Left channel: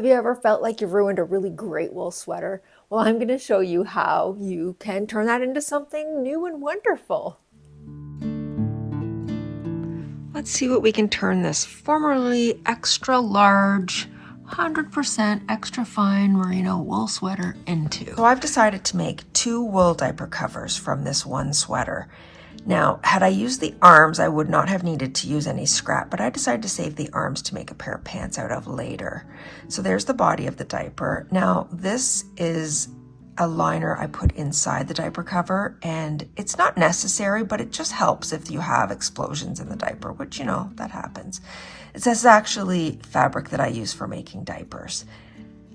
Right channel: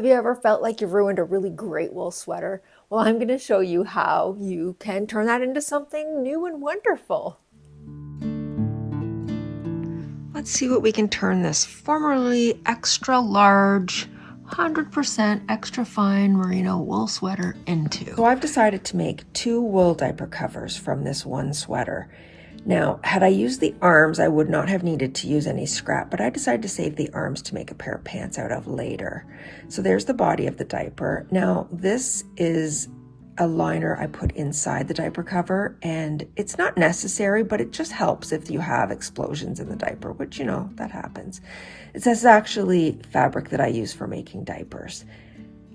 Have you ever felt like you ruined a really great wool sweater? Well, I'm going to show you how you can turn that into something new and wonderful. Let's see what we can turn this formerly extra large, 100% extra fine merino wool sweater into. So I've decided to make 2 wool diaper covers from this one sweater. Now, had I used the arms, I would not have needed to use any scrap, but I decided to save the arms to make a pair of pants out of later. So there's the body of the diaper. Now, this is a liner I put inside the diaper cover, and it's not necessary, but it just helps if you have explosions in the diaper, which, you know, that happens. This is actually fabric that I use for making diapers.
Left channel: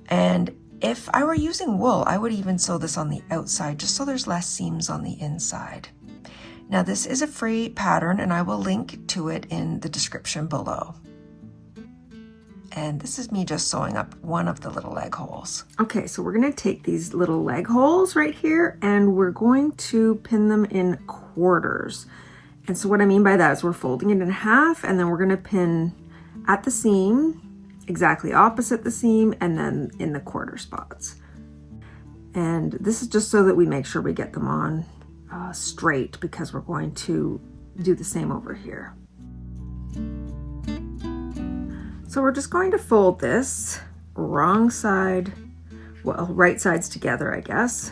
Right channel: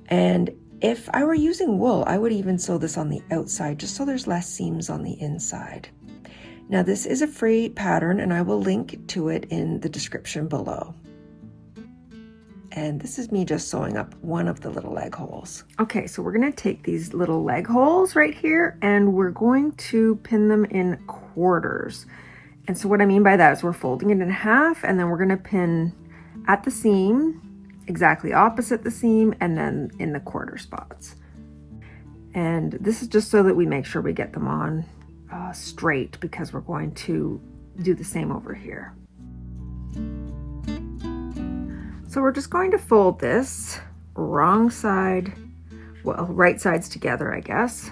And if I were using wool, I would even sew this on the outside just so there's less seams on the inside. Now this is a free pattern and I will link to it in the description below. And this is me just sewing up one of the little leg holes. Okay, so we're gonna take these little leg holes right here and we're going to pin them in quarters. And so what I mean by that is we're folding it in half and then we're gonna pin at the seam, exactly opposite the seam, and then in the quarter spots. And this is just so that we make sure we get them on straight, because we're going to do the same over here. So we're just going to fold this wrong side, well, right sides together, I guess.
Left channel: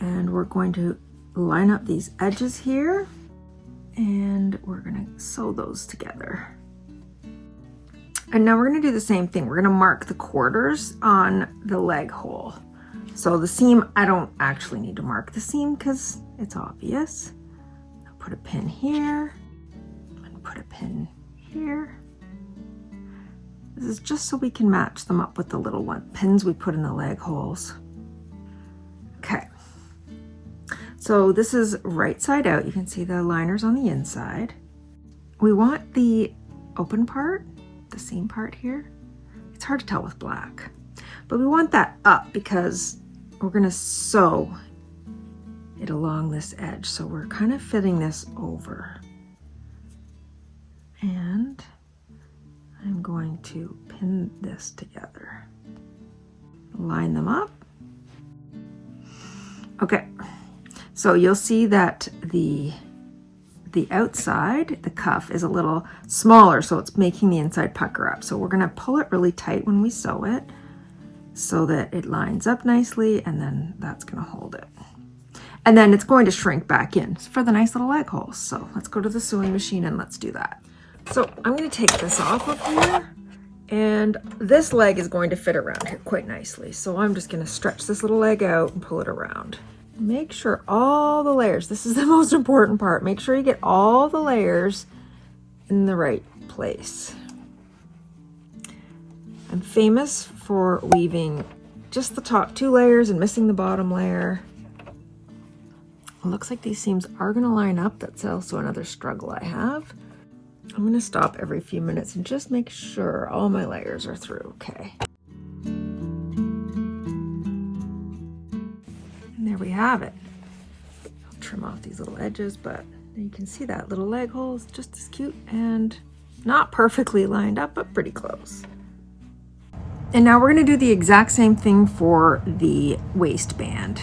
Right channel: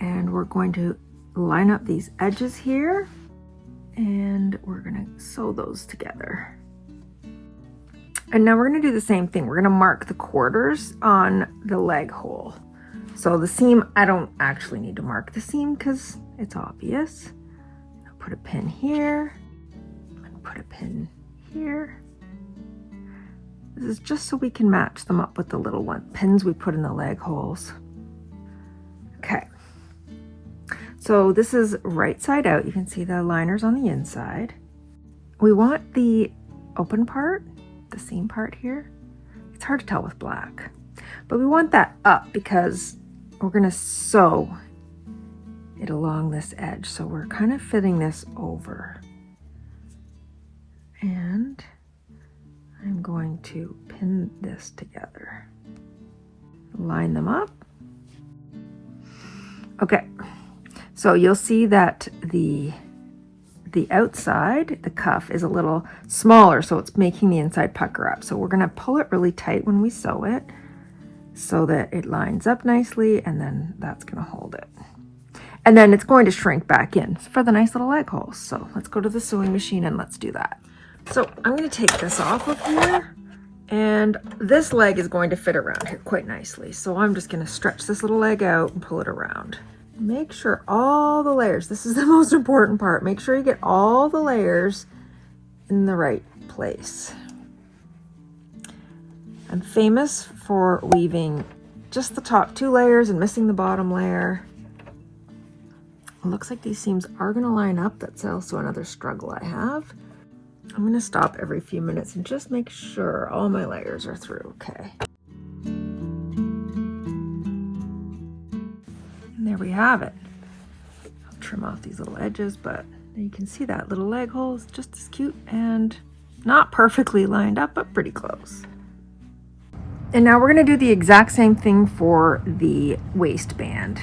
And we're going to line up these edges here and we're going to sew those together. And now we're going to do the same thing. We're going to mark the quarters on the leg hole. So the seam, I don't actually need to mark the seam because it's obvious. I'll put a pin here, and put a pin here. This is just so we can match them up with the little pins we put in the leg holes. Okay. So this is right side out. You can see the liners on the inside. We want the open part, the seam part here. It's hard to tell with black, but we want that up because we're going to sew it along this edge. So we're kind of fitting this over. And I'm going to pin this together. Line them up. Okay. So you'll see that the outside, the cuff, is a little smaller, so it's making the inside pucker up. So we're going to pull it really tight when we sew it, so that it lines up nicely, and then that's going to hold it. And then it's going to shrink back in for the nice little leg holes. So let's go to the sewing machine and let's do that. So I'm going to take this off of here, and this leg is going to fit around here quite nicely. So I'm just going to stretch this little leg out and pull it around. Make sure all the layers, this is the most important part, make sure you get all the layers in the right place. I'm famous for weaving just the top 2 layers and missing the bottom layer. It looks like these seams are going to line up. That's also another struggle I have. I'm going to stop every few minutes and just make sure all my layers are through. Okay. And there we have it. I'll trim off these little edges, but you can see that little leg hole is just as cute and not perfectly lined up, but pretty close. And now we're going to do the exact same thing for the waistband.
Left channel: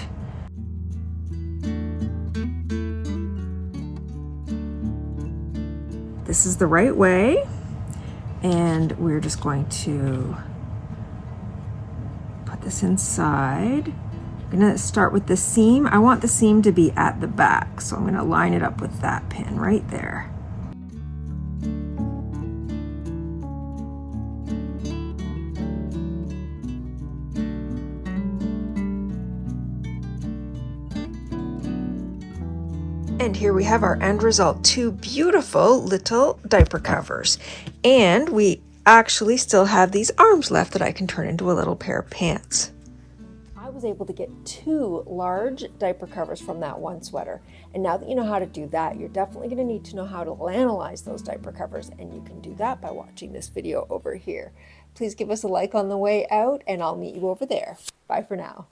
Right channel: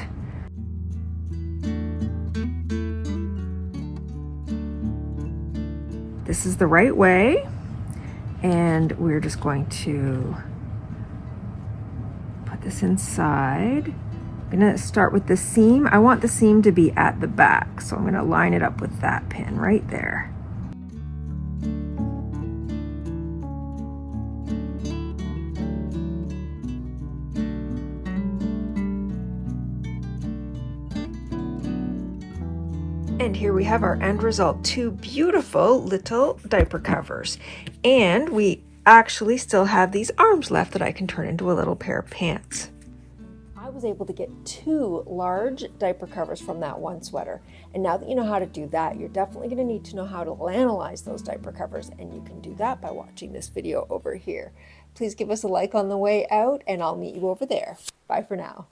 This is the right way, and we're just going to put this inside. I'm going to start with the seam. I want the seam to be at the back, so I'm going to line it up with that pin right there. And here we have our end result, 2 beautiful little diaper covers. And we actually still have these arms left that I can turn into a little pair of pants. I was able to get 2 large diaper covers from that one sweater. And now that you know how to do that, you're definitely going to need to know how to analyze those diaper covers. And you can do that by watching this video over here. Please give us a like on the way out, and I'll meet you over there. Bye for now.